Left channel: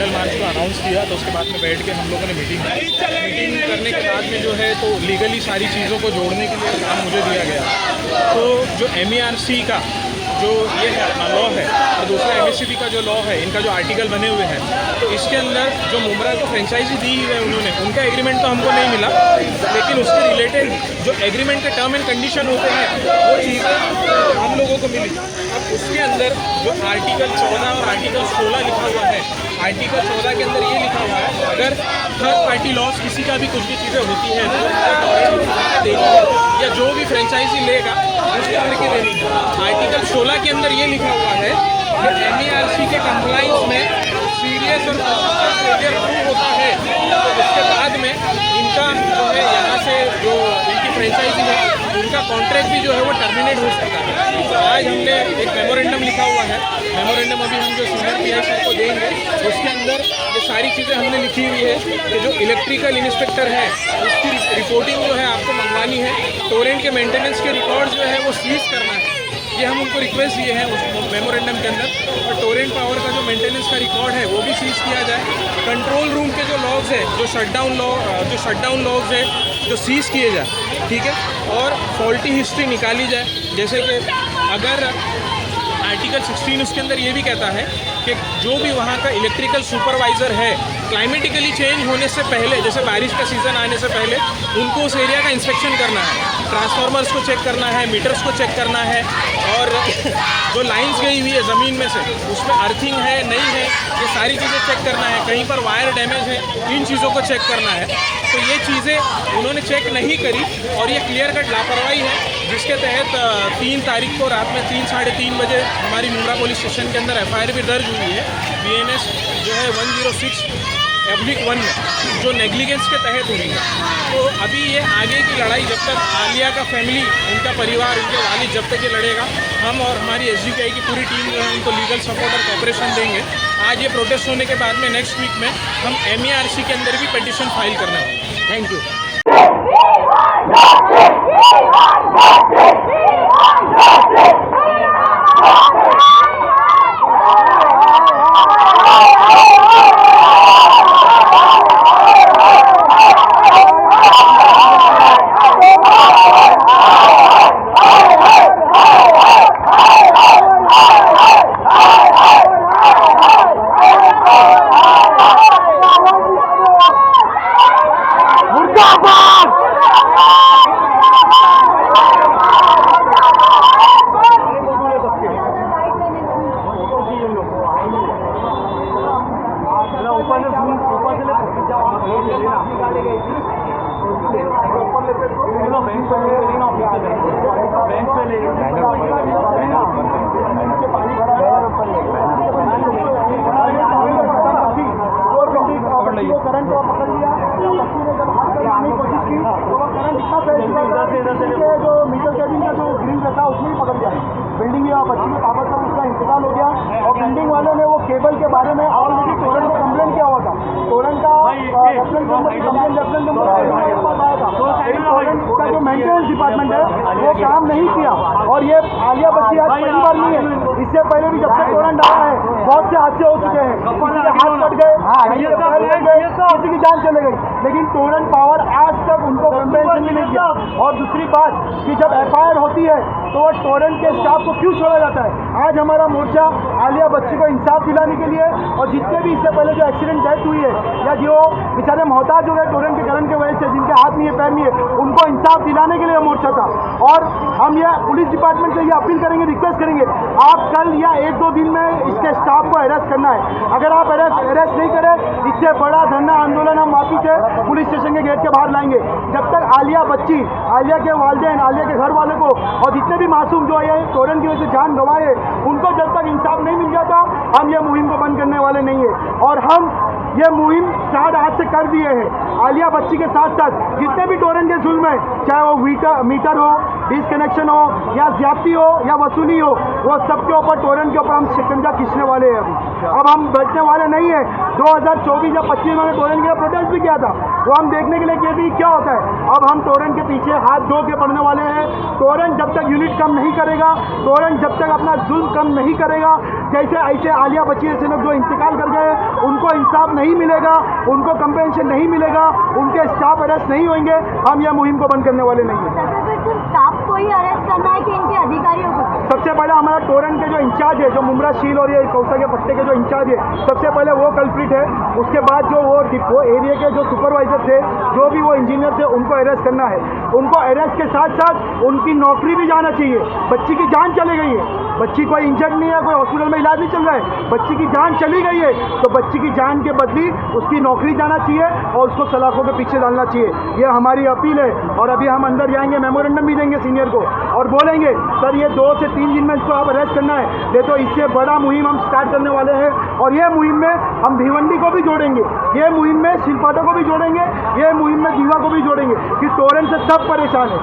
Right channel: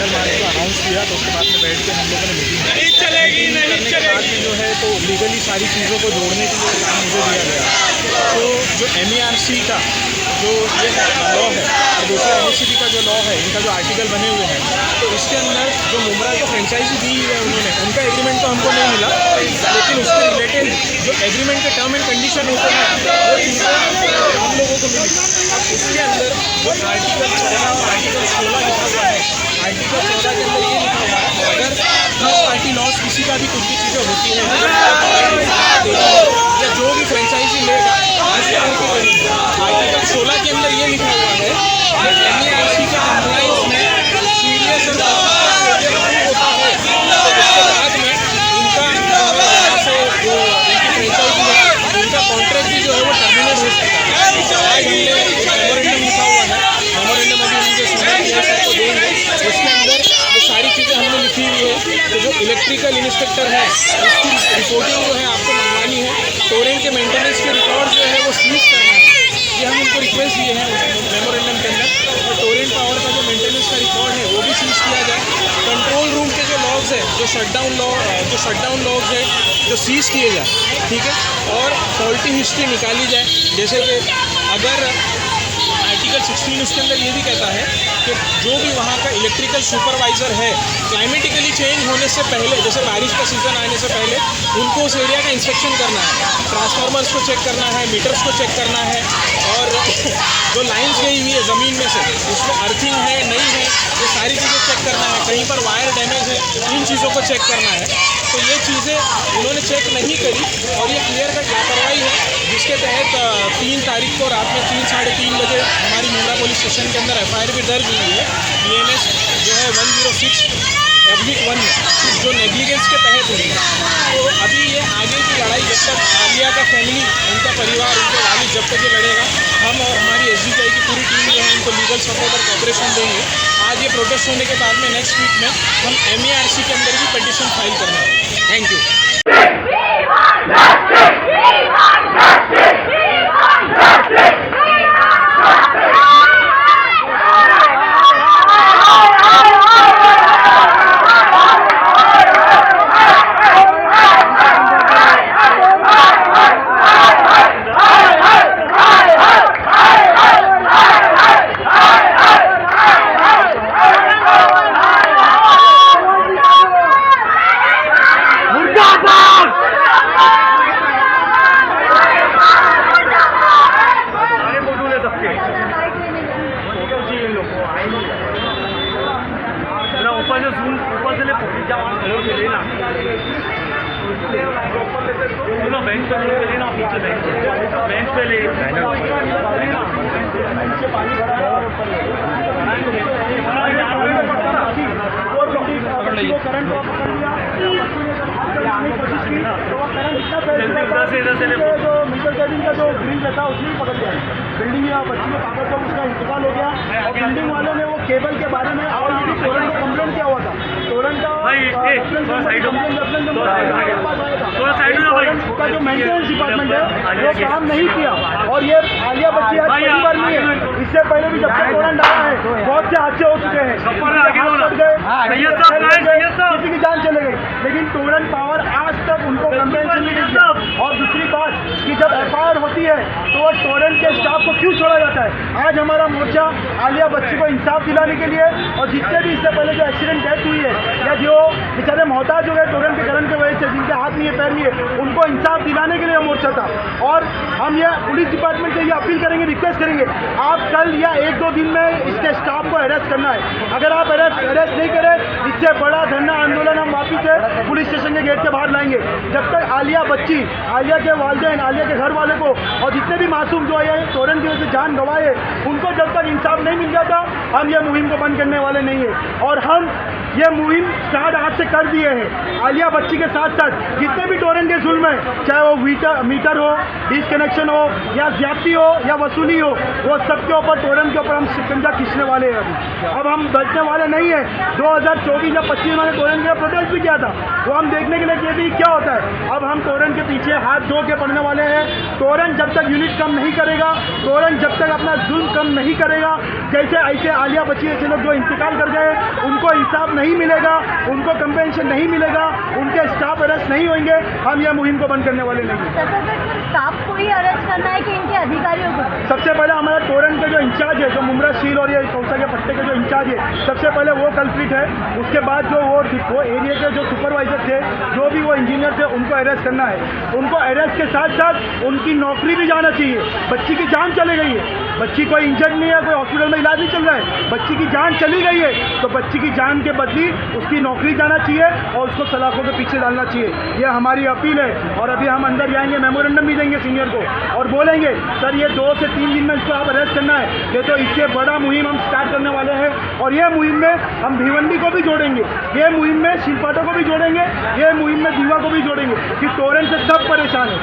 General मार्च को announce किया, तो उसके बाद में बैठ के हम लोगों ने मीटिंग करने के बाद में जो है तो लीगली सारी चीज़ों को जोड़ने के लिए काम मुझे दिया गया। तो जो MERC का जो ये है लॉ है और दूसरा MSCB का जो लॉ है, इनका जो आर्टिकल बने हुए हैं, तो इसके अंदर जो मुमरा को फ्रेंचाइजी दी हुई है उन्होंने, उनका एग्रीमेंट तो हमको नहीं मिला, लेकिन उसके रिलेटेड जो एग्रीमेंट के टर्म एंड कंडीशन होते हैं वो चीज़ें हम लोगों को मिली। अब उसके अंदर जो आर्टिकल 14 और आर्टिकल 16 लिखा हुआ है, आर्टिकल 14 के अंदर ये लिखा हुआ है अगर थर्ड पार्टी लॉस किसी का भी कुछ भी चीज़ें होती है या जो भी फ्रेंचाइजी लेगा उसके अंदर की देनी है। आर्टिकल 16 के अंदर ये लिखा हुआ है कि MERC के कंप्लाइंस में सीरियस होता है, तो उसके बाद में इनका जो है यहाँ से जो इनकी फ्रेंचाइजी है उनका कॉन्ट्रैक्ट भी जो है वो टर्मिनेट हो सकता है। तो आज हमने एक मेमोरेंडम लिखा हुआ है, मेमोरेंडम अभी हम जो सीनियर PI सर को देंगे, उसके अंदर ये सारी चीज़ें हमने लिखी हुई है कि जो इलेक्ट्रिकल इंस्पेक्टर है उसकी रिपोर्टिंग जो है आपको मंगवानी है, टोरेंट के मेंटेनेंस के रिकॉर्ड जो है वो सीज करना है, ये हम उनको रिक्वेस्ट दिए हैं उस मेमोरेंडम के अंदर। और टोरेंट पावर का जो मेंटेनेंस का रिकॉर्ड है वो भी सीज किया जाए। कंट्रोल रूम के जो लॉग्स है, जो शटडाउन लॉग्स है जो सीज किए जाए, ठीक है। और फॉल्टी हिस्ट्री निकाली जाए, जैसे कि अगर आर्टिकल 16 उसके अंदर ये भी कहता है कि जो भी वहाँ का इलेक्ट्रिकल सुपरवाइज़र है, क्लाइमेटिकली चेंज होने से पहले, जैसे बारिश का सीज़न आने से पहले उनको उस एरिया का इंस्पेक्शन करना है, ट्रांसफार्मर्स को चेक करना है, मीटर्स को चेक करना है, और जो लाइंस गई हुई है ज़मीन में से उसमें अर्थिंग है नहीं है, ये सारी चीज़ें चेक करना है, कहीं पर वायर डैमेज है, इन चीज़ों को चेक करना है। तो ये चीज़ें उन्होंने चेक नहीं करी और ये क्लियर कट लापरवाही है, जिसके तहत 3 तारीख को रात में 3 साढ़े 3 बजे हमारी मुमरा पुलिस स्टेशन के अंदर FIR भी दर्ज हुई है BNS जो है 106/1 में, जो नेग्लिजेंस के तहत हुई है। तो अभी ये आगे की लड़ाई जब तक आलिया का फैमिली, उनका परिवार, उनके वालिद जब तक ये लड़ेगा, हम और हमारी SDPI की पूरी टीम जो है उनको लीगल सपोर्ट और कोऑपरेशन देंगे। आज ये प्रोटेस्ट होने के बाद में नेक्स्ट वीक में हम MERC के अंदर भी पिटीशन फाइल करना है। Thank you. बेंच पे ले करंट को पकड़ लिया, बच्चों ने जब हाथ करने की कोशिश की तो वो करंट इतना फैल गया जो मीटर केबिन का जो ग्रिल रहता है उसने ही पकड़ लिया। बिल्डिंग या बच्ची के पापा का उसका इंतकाल हो गया और बिल्डिंग वाले ने वो केबल के बारे में ऑलरेडी टोरेंट को कंप्लेंट किया हुआ था। टोरेंट का का जो मेंटेनेंस डिपार्टमेंट है वो काम नहीं किया और ये आलिया बच्ची आज पहली बार नहीं है, इससे पहले भी जब से टोरेंट आया है बहुत से हादसे हो चुके हैं, किसी की जान चले गई, लेकिन टोरेंट पावर आज तक उनको कंप्लेंट नहीं किया। और दूसरी बात कि जब FIR होती है तो वो टोरेंट के स्टाफ को क्यों छोड़ा जाता है। आज हमारा मोर्चा आलिया बच्ची को इंसाफ दिलाने के लिए और जितने भी इससे पहले जो एक्सीडेंट डेथ हुई है या जो बेचारे मोहताज हो गए टोरेंट के करंट की वजह से, जिनके हाथ नहीं है पैर नहीं है, उनको इंसाफ दिलाने के लिए मोर्चा था। और हम ये पुलिस डिपार्टमेंट से ये अपील करेंगे, रिक्वेस्ट करेंगे, आप कल या 1-2 दिन में इसके स्टाफ को अरेस्ट करना है। अगर आप अरेस्ट नहीं करें, इससे बड़ा धरना आंदोलन हम वापिस से पुलिस स्टेशन के गेट के बाहर लाएंगे। जब तक आलिया बच्ची, आलिया के वालिदैन, आलिया के घर वाले को और जितने भी मासूम जो आए टोरेंट की वजह से जान गंवाए, उनको जब तक इंसाफ नहीं मिल जाता हम ये मुहिम को बंद करने वाले नहीं है। और हम ये मुहिम स्टार्ट आज से कर दिए हैं। आलिया बच्ची के साथ साथ जितने भी टोरेंट के जुल्म है, चाहे वो मीटर हो, डिसकनेक्शन हो या ज्यादती हो या वसूली हो, वो सबके ऊपर टोरेंट के ऊपर हम शिकंजा खींचने वाले हैं। अब हम बैठने वाले नहीं है। 2024 या 25 में टोरेंट के प्रोटेस्ट भी किया था, तो हम देखने के लिए किए थे क्या होता है। अब हम टोरेंट के पीछे हाथ धो के पड़ने वाले हैं। टोरेंट जब तक यूनिट कम नहीं करेगा, टोरेंट जब तक अपना जुल्म कम नहीं करेगा, जैसे ऐसे आलिया बच्ची जैसे लोग जो इंतकाल कर गए उनको इंसाफ नहीं मिलेगा, उनको कंपेंसेशन नहीं मिलेगा, उनके स्टाफ अरेस्ट नहीं होंगे, हम यह मुहिम को बंद करने वाले नहीं हैं। सिर्फ स्टाफ को ही अरेस्ट करना है कि इनके अधिकारियों को? सबसे पहले हमारा टोरन के जो इंचार्ज है, जो मुमरा सील और ये कौसा के पट्टे के जो इंचार्ज है, सबसे पहले वो कल्प्रिट है। उसके बाद जो वो एरिया के जो सुपरवाइजर थे, जो भी वो इंजीनियर थे, उनको अरेस्ट करना है। उनको अरेस्ट के साथ साथ उनकी नौकरी भी जाना चाहिए। बच्ची की जान चली गई है, बच्ची कोई इंजर्ड नहीं है, कोई हॉस्पिटल में इलाज नहीं चल रहा है, बच्ची की जान चली गई है, तो बच्ची की जान के बदली उसकी नौकरी जाना चाहिए और उसको सलाखों के पीछे डालना चाहिए। ये हमारी अपील है। और अभी हम अंदर जाएंगे, मेमोरेंडम भी देंगे सीनियर को और बोलेंगे सर ये 2 से 3 दिन में इसको आप अरेस्ट करना है, ये तो इससे बड़ा मुहिम हम स्टार्ट करने वाले हैं। और ये मुहिम में हम भिवंडी को भी जोड़ेंगे, ये मुहिम में शिल्पाटा को भी जोड़ेंगे, ये मुहिम में दीवा को भी जोड़ेंगे कि टोरन से सब परेशान है,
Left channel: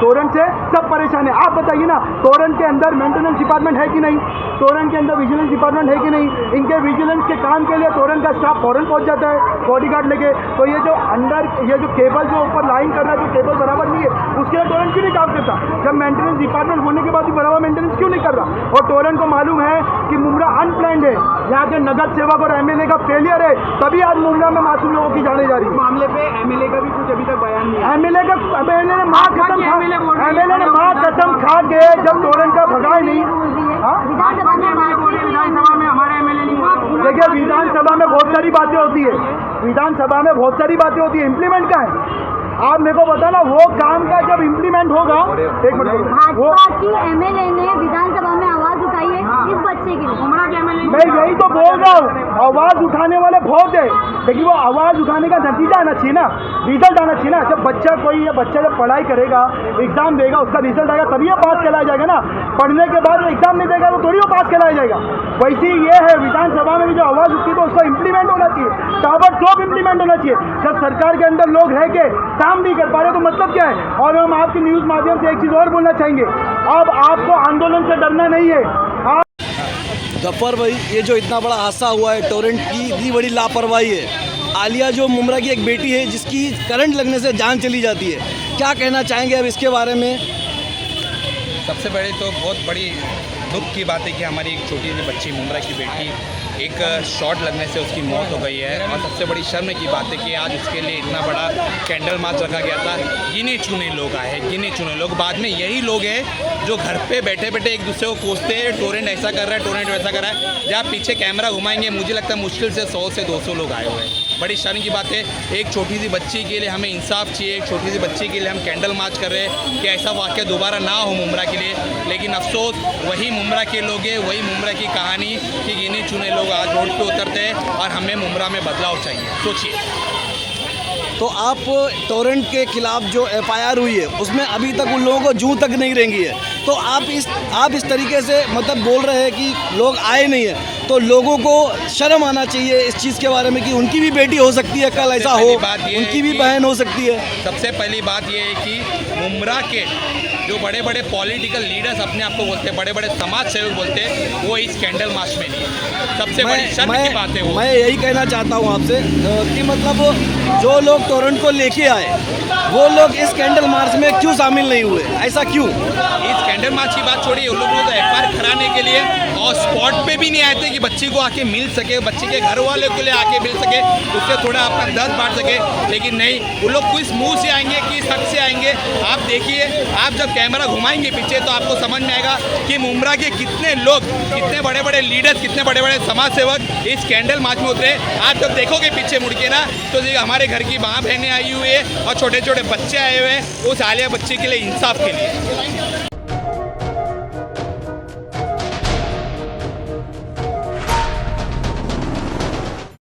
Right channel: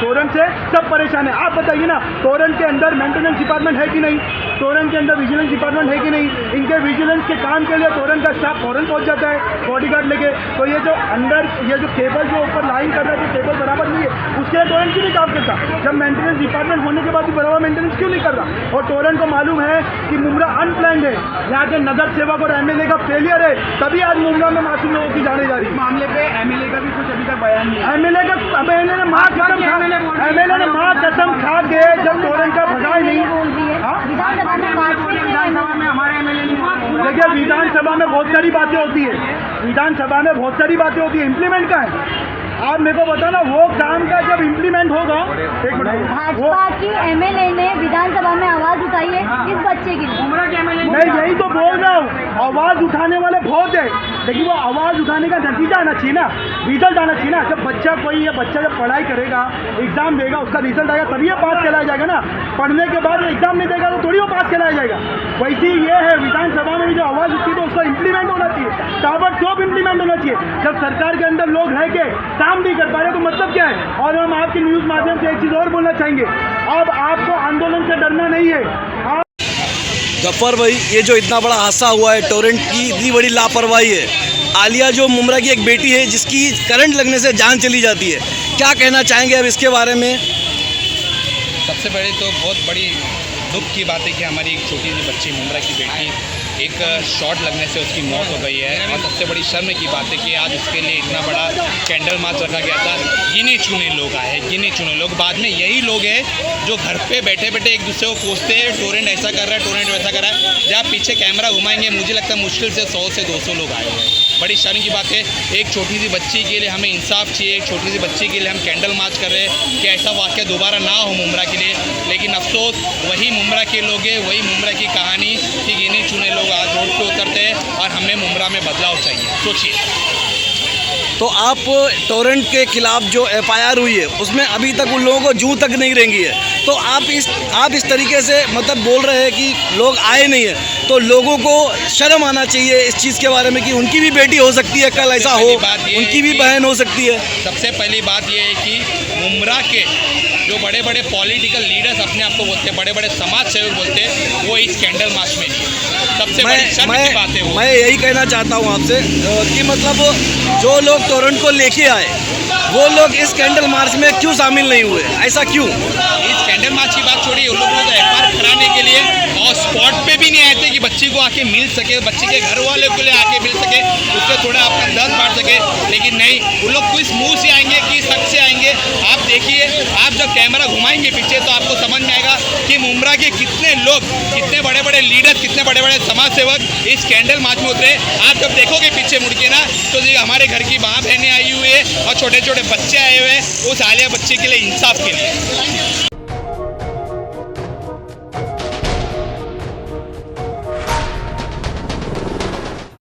टोरन से सब परेशान है। आप बताइए ना, टोरन के अंदर मेंटेनेंस डिपार्टमेंट है कि नहीं, टोरन के अंदर विजिलेंस डिपार्टमेंट है कि नहीं? इनके विजिलेंस के काम के लिए टोरन का स्टाफ फौरन पहुंच जाता है बॉडीगार्ड लेके। तो ये जो अंदर ये जो केबल जो ऊपर लाइन कर रहा है, जो केबल बराबर नहीं है, उसके लिए टोरन क्यों नहीं काम करता? जब मेंटेनेंस डिपार्टमेंट होने के बाद भी बराबर मेंटेनेंस क्यों नहीं कर रहा? और टोरन को मालूम है कि मुमरा अनप्लान्ड है, यहाँ के नगर सेवक और एमएलए का फेलियर है, तभी आज मुमरा में मासूम लोगों की जाने जा रही है। मामले पे एमएलए का भी कुछ अभी तक बयान नहीं है। एमएलए ने माँ कसम खा के जब टोरन का भगाए नहीं। हाँ विधानसभा में हमारे एमएलए नहीं। देखिए, विधानसभा में बहुत सारी बातें होती है, विधानसभा में बहुत सारी बातें होती है, इम्प्लीमेंट का है। आप मेरे को बताना, वो काम का जब इम्प्लीमेंट होगा। एक मिनट, वो भाजपा की एमएलए ने विधानसभा में आवाज उठाई है इस बच्चे के लिए। मैं यही तो बोल रहा हूँ, आवाज उठाने वाले बहुत है, लेकिन वो आवाज उठाने का नतीजा आना चाहिए ना, रिजल्ट आना चाहिए ना। जब बच्चा कोई ये बच्चा जब पढ़ाई करेगा, एग्जाम देगा, उसका रिजल्ट आएगा तभी वो पास कहलाया जाएगा ना। पढ़ने के बाद एग्जाम नहीं देगा तो थोड़ी वो पास कहलाया जाएगा। वैसे ही ये है, विधानसभा में भी जो आवाज उठती है तो उसका इम्प्लीमेंट होना चाहिए, ताबड़तोड़ इम्प्लीमेंट होना चाहिए। जब सरकार के अंदर लोग रह के काम नहीं कर पा रहे तो मतलब क्या है? और हम आपके न्यूज माध्यम से एक चीज और बोलना चाहेंगे, अब आपको आंदोलन से डरना नहीं है। गफ्फार भाई, ये जो इतना बड़ा हादसा हुआ है, टोरेंट की इतनी बड़ी लापरवाही है। आलिया जो मुमरा की एक बेटी है जिसकी करंट लगने से जान चली जाती है, क्या कहना चाहेंगे अब इसके बारे में? सबसे पहले तो बहुत बड़ी दुख की बात है कि हमारी एक छोटी सी बच्ची मुमरा की बेटी एक शॉट लगने से उसकी मौत हो गई है। और सबसे बड़ी शर्म की बात है कि आज उसके लिए इतना बड़ा कैंडल मार्च रखा गया था। गिने चुने लोग आए, गिने चुने लोग, बाद में यही लोग हैं जो घर पे बैठे बैठे एक दूसरे को कोसते हैं, टोरेंट ऐसा कर रहा है, टोरेंट वैसा कर रहा है। जब पीछे कैमरा घुमाएंगे, मुझे लगता है मुश्किल से 100 से 200 लोग आए हुए हैं। बड़ी शर्म की बात है, एक छोटी सी बच्ची के लिए हमें इंसाफ चाहिए, एक छोटी सी बच्ची के लिए हम कैंडल मार्च कर रहे हैं कि ऐसा वाक़या दोबारा ना हो मुमरा के लिए। लेकिन अफसोस वही मुमरा के लोग हैं, वही मुमरा की कहानी कि गिने चुने लोग आज रोड पे उतरते हैं और हमें मुमरा में बदलाव चाहिए। सोचिए। तो आप टोरेंट के खिलाफ जो एफआईआर हुई है उसमें अभी तक उन लोगों को जूं तक नहीं रेंगी है, तो आप इस तरीके से मतलब बोल रहे हैं कि लोग आए नहीं है, तो लोगों को शर्म आना चाहिए इस चीज़ के बारे में कि उनकी भी बेटी हो सकती है, कल ऐसा हो, उनकी भी बहन हो सकती है। सबसे पहली बात यह है कि मुमरा के जो बड़े बड़े पॉलिटिकल लीडर्स अपने आप को बोलते हैं, बड़े बड़े समाज सेवक बोलते हैं, वो इस कैंडल मार्च में नहीं है। सबसे बड़ी शर्म की बात है वो। मैं यही कहना चाहता हूँ आपसे कि मतलब जो लोग टोरेंट को लेके आए वो लोग इस कैंडल मार्च में क्यों शामिल नहीं हुए, ऐसा क्यों? इस कैंडल मार्च की बात छोड़िए, उन लोगों को एफआईआर कराने के लिए और स्पॉट पे भी नहीं आए थे कि बच्ची को आके मिल सके, बच्चे के घर वाले के लिए आके मिल सके, उससे थोड़ा अपना दर्द बांट सके। लेकिन नहीं, वो लोग किस मुंह से आएंगे, किस हक से आएंगे? आप देखिए, आप जब कैमरा घुमाएंगे पीछे तो आपको समझ में आएगा कि मुमरा के कितने लोग, कितने बड़े बड़े लीडर्स, कितने बड़े बड़े समाज सेवक इस कैंडल मार्च में उतरे। आप जब देखोगे पीछे मुड़ के ना, तो हमारे घर की माँ बहनें आई हुई है और छोटे छोटे बच्चे आए हुए हैं उस आलिया बच्चे के लिए, इंसाफ के लिए।